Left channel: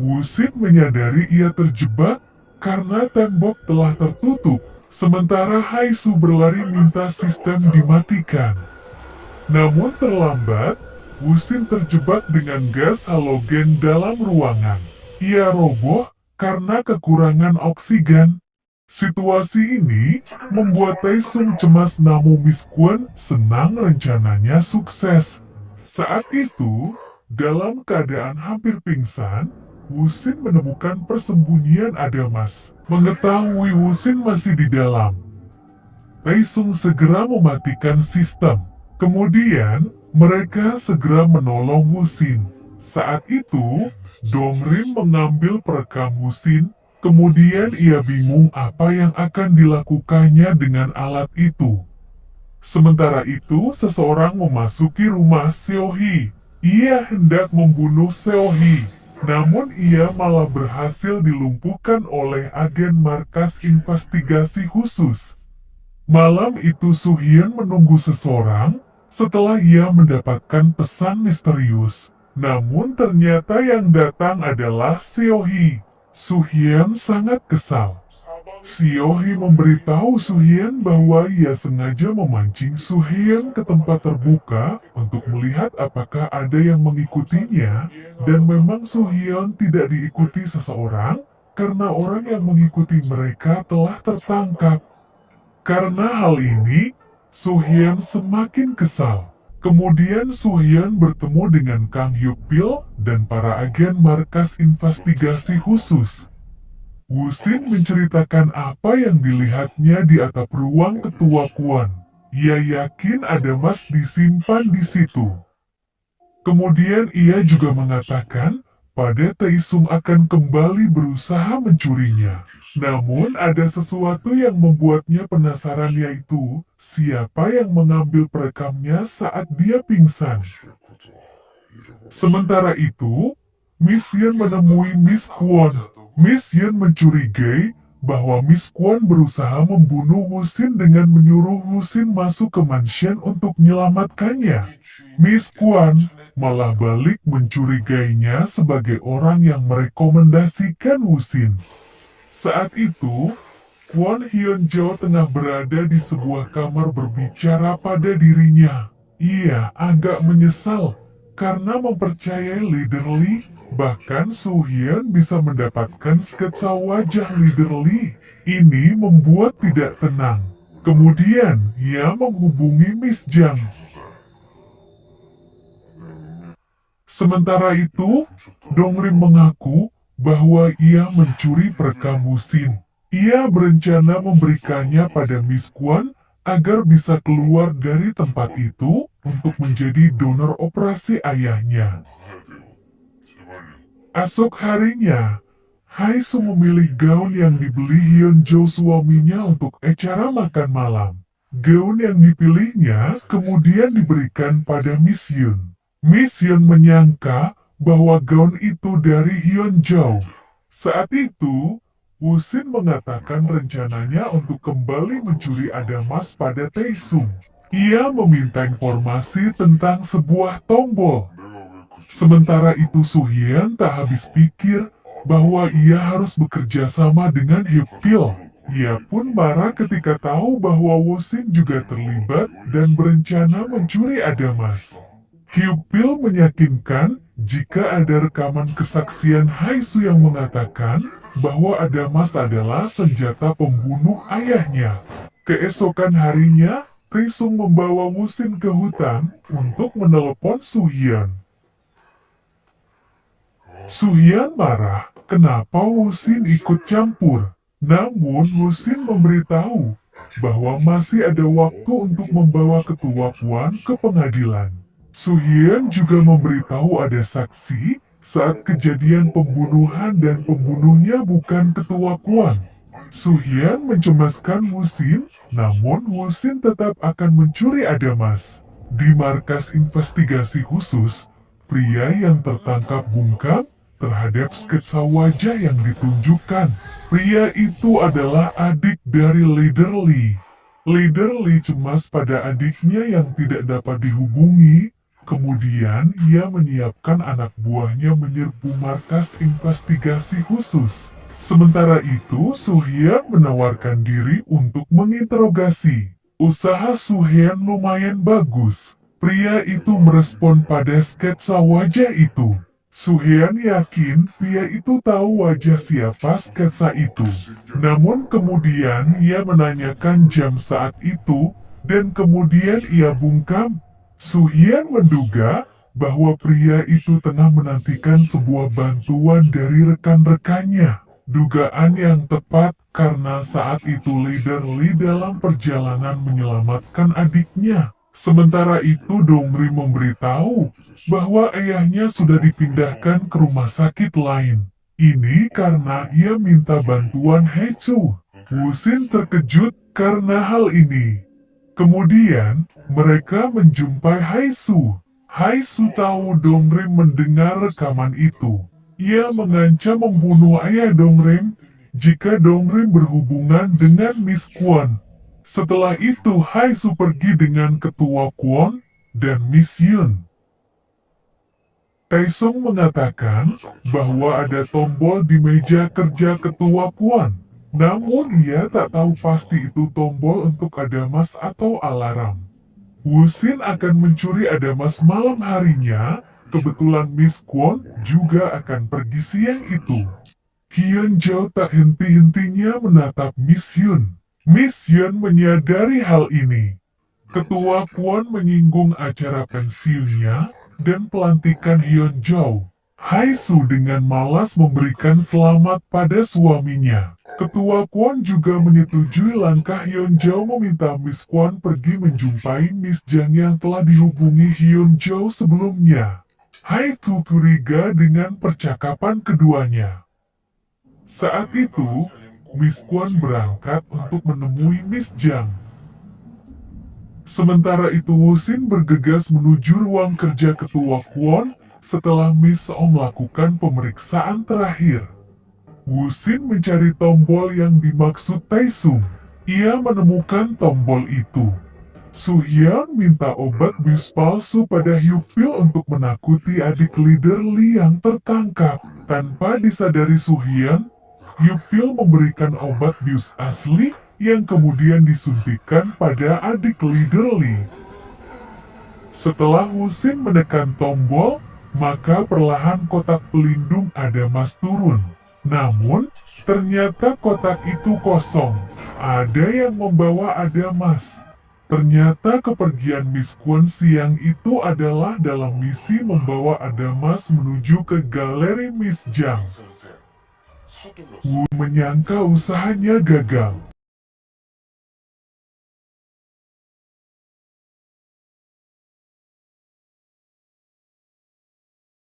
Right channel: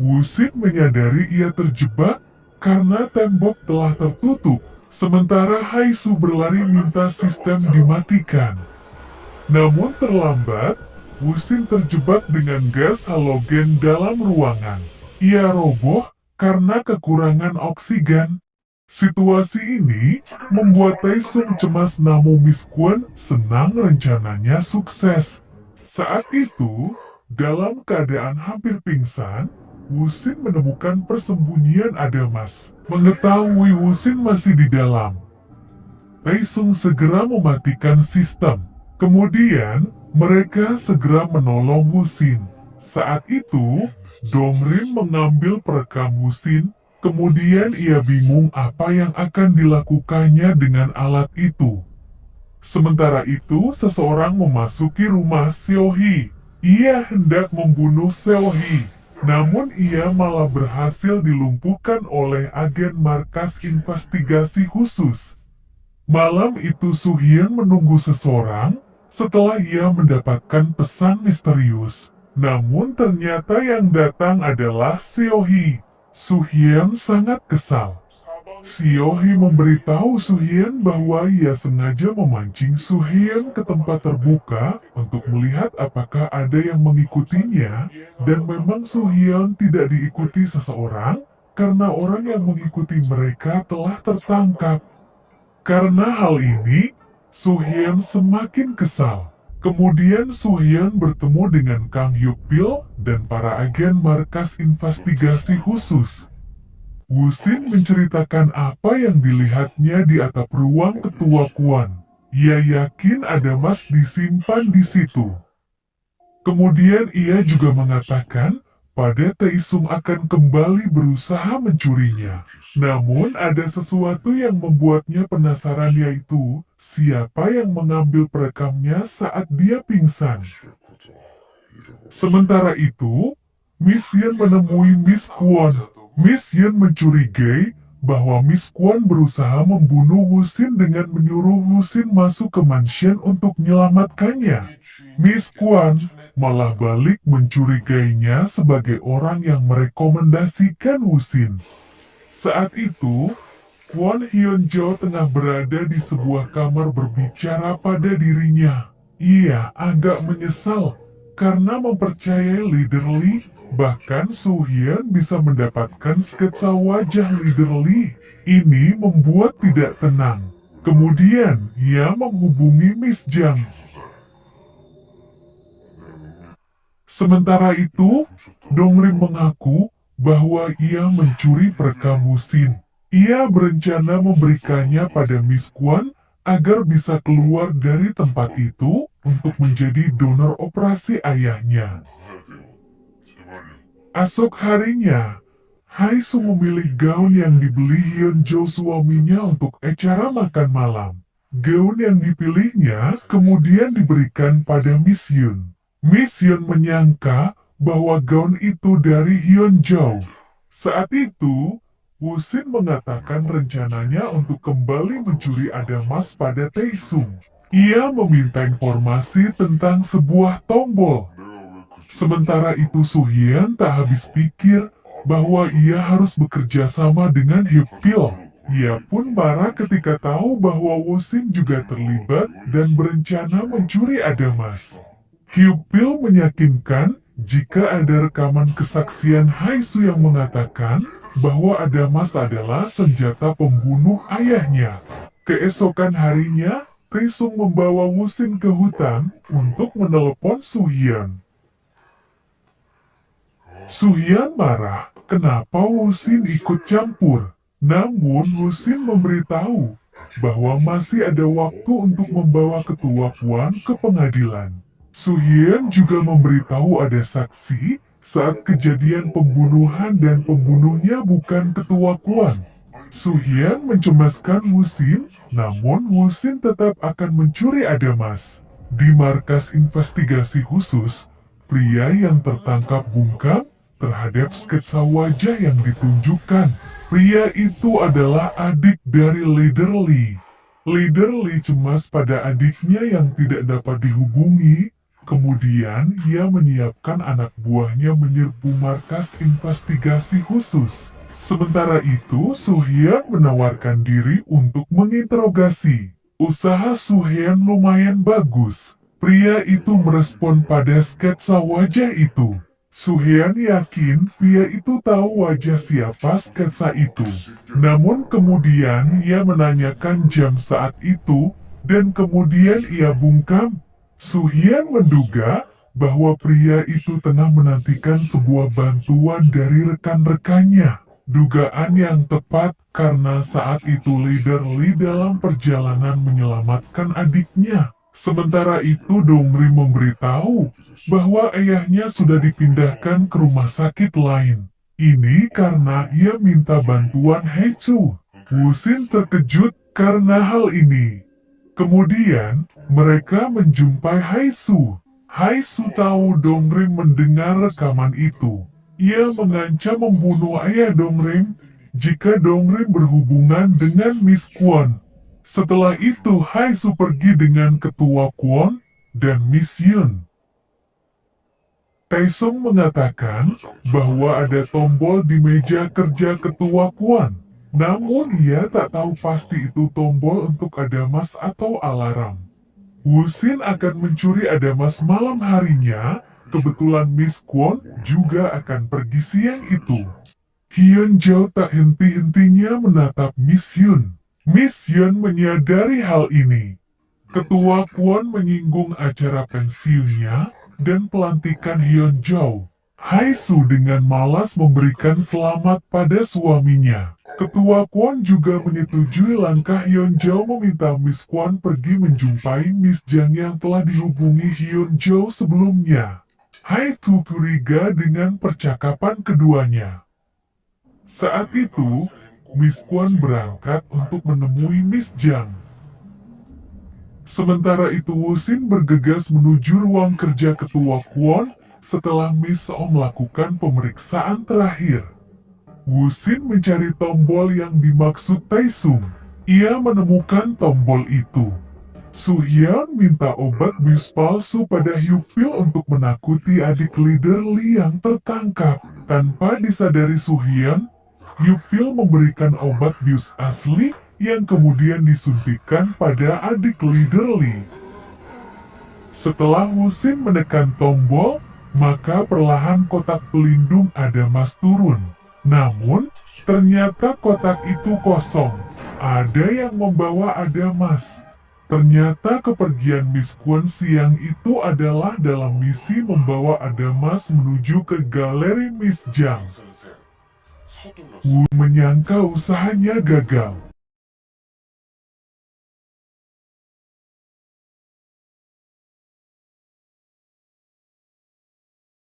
Wusin menyadari ia terjebak karena tembok telah tertutup, sementara Haisu berlari minta sistem dimatikan. Namun terlambat, Wusin terjebak dengan gas halogen dalam ruangan. Ia roboh karena kekurangan oksigen. Situasi ini membuat Taesung cemas, namun Miss Kwon senang rencananya sukses. Saat itu, dalam keadaan hampir pingsan, Wusin menemukan persembunyian Adamas. Mengetahui Wusin masih di dalam, Taesung segera mematikan sistem. Kemudian, mereka segera menolong Wusin. Saat itu, Dongrin mengambil perekam Wusin. Kemudian ia bingung apa yang akan dilakukannya dengan alat itu. Sementara itu, seseorang memasuki rumah Seohee. Ia hendak membunuh Seohee, namun ia malah berhasil dilumpuhkan oleh agen markas investigasi khusus. Malam itu Suhyun menunggu seseorang setelah ia mendapatkan pesan misterius. Namun ternyata yang datang adalah Seohee. Suhyun sangat kesal. Seohee memberitahu Suhyun bahwa ia sengaja memancing Suhyun ke tempat terbuka untuk melihat apakah ada yang mengikutinya, dan memang Suhyun tidak diikuti seseorang karena orang yang mengikuti mereka telah tertangkap. Karena hal ini, Suhyun semakin kesal. Kemudian Suhyun bertemu dengan Kang Hyuk-pil dan para agen markas investigasi khusus. Wusin menceritakan apa yang dilihatnya di atap ruang ketua Kwon. Ia yakin ada emas disimpan di situ. Kemudian ia juga mengatakan pada Taesung akan kembali berusaha mencurinya. Namun ada sesuatu yang membuatnya penasaran, yaitu siapa yang mengambil perekamnya saat dia pingsan. Sementara itu, Miss Yeon menemui Miss Kwon. Miss Yeon mencurigai bahwa Miss Kwon berusaha membunuh Wusin dengan menyuruh Wusin masuk ke mansion untuk menyelamatkannya. Miss Kwon malah balik mencurigainya sebagai orang yang merekomendasikan Wusin. Saat itu, Kwon Hyun Jo tengah berada di sebuah kamar berbicara pada dirinya. Ia agak menyesal karena mempercayai Leader Lee. Bahkan Suhyun bisa mendapatkan sketsa wajah Leader Lee. Ini membuat tidak tenang. Kemudian, ia menghubungi Miss Jang. Sementara itu, Dongrim mengaku bahwa ia mencuri perekam Wusin. Ia berencana memberikannya pada Miss Kwon agar bisa keluar dari tempat itu untuk menjadi donor operasi ayahnya. Esok harinya, Haisu memilih gaun yang dibeli Hyun Jo suaminya untuk acara makan malam. Gaun yang dipilihnya kemudian diberikan pada Miss Yun. Miss Yun menyangka bahwa gaun itu dari Hyun Jo. Saat itu, Wusin mengatakan rencananya untuk kembali mencuri Adamas pada Taesung. Ia meminta informasi tentang sebuah tombol. Sementara itu Suhyun tak habis pikir bahwa ia harus bekerja sama dengan Hyuk-pil. Ia pun marah ketika tahu bahwa Wusin juga terlibat dan berencana mencuri Adamas. Hyuk-pil meyakinkan jika ada rekaman kesaksian Haisu yang mengatakan bahwa Adamas adalah senjata pembunuh ayahnya. Keesokan harinya, Taesung membawa Wusin ke hutan untuk menelepon Suhyun. Suhyun marah kenapa Wusin ikut campur. Namun Wusin memberitahu bahwa masih ada waktu untuk membawa ketua Kwon ke pengadilan. Suhyun juga memberitahu ada saksi saat kejadian pembunuhan dan pembunuhnya bukan ketua Kwon. Suhyun mencemaskan Wusin, namun Wusin tetap akan mencuri Adamas. Di markas investigasi khusus, pria yang tertangkap bungkam terhadap sketsa wajah yang ditunjukkan. Pria itu adalah adik dari Leader Lee. Leader Lee cemas pada adiknya yang tidak dapat dihubungi. Kemudian ia menyiapkan anak buahnya menyerbu markas investigasi khusus. Sementara itu, Su-hyun menawarkan diri untuk menginterogasi. Usaha Su-hyun lumayan bagus. Pria itu merespon pada sketsa wajah itu. Su-hyun yakin pria itu tahu wajah siapa sketsa itu. Namun kemudian ia menanyakan jam saat itu, dan kemudian ia bungkam. Su-hyun menduga bahwa pria itu tengah menantikan sebuah bantuan dari rekan-rekannya. Dugaan yang tepat karena saat itu leader Lee dalam perjalanan menyelamatkan adiknya. Sementara itu Dongri memberitahu bahwa ayahnya sudah dipindahkan ke rumah sakit lain. Ini karena ia minta bantuan Haechu. Wusin terkejut karena hal ini. Kemudian, mereka menjumpai Haesu. Haesu tahu Dongrim mendengar rekaman itu. Ia mengancam membunuh ayah Dongrim jika Dongrim berhubungan dengan Miss Kwon. Setelah itu Haesu pergi dengan ketua Kwon dan Miss Yun. Taesung mengatakan bahwa ada tombol di meja kerja ketua Kwon. Namun ia tak tahu pasti itu tombol untuk adamas atau alarm. Wusin akan mencuri adamas malam harinya, kebetulan Miss Kwon juga akan pergi siang itu. Hyun Jao tak henti-hentinya menatap Miss Yun. Miss Yun menyadari hal ini. Ketua Kwon menyinggung acara pensiunnya dan pelantikan Hyun Jao. Haesu dengan malas memberikan selamat pada suaminya. Ketua Kwon juga menyetujui langkah Hyun Jao meminta Miss Kwon pergi menjumpai Miss Jang yang telah dihubungi Hyun Jao sebelumnya. Haesu curiga dengan percakapan keduanya. Saat itu, Miss Kwon berangkat untuk menemui Miss Jang. Sementara itu Wusin bergegas menuju ruang kerja ketua Kwon setelah Miss Oh melakukan pemeriksaan terakhir. Wusin mencari tombol yang dimaksud Taesung. Ia menemukan tombol itu. Su-hyun minta obat bius palsu pada Hyupil untuk menakuti adik leader Lee yang tertangkap. Tanpa disadari Su-hyun, Hyupil memberikan obat bius asli yang kemudian disuntikkan pada adik leader Lee. Setelah Wusin menekan tombol, maka perlahan kotak pelindung adamas turun. Namun, ternyata kotak itu kosong. Ada yang membawa adamas. Ternyata kepergian Miss Kwon siang itu adalah dalam misi membawa adamas menuju ke galeri Miss Jang. Wu menyangka usahanya gagal.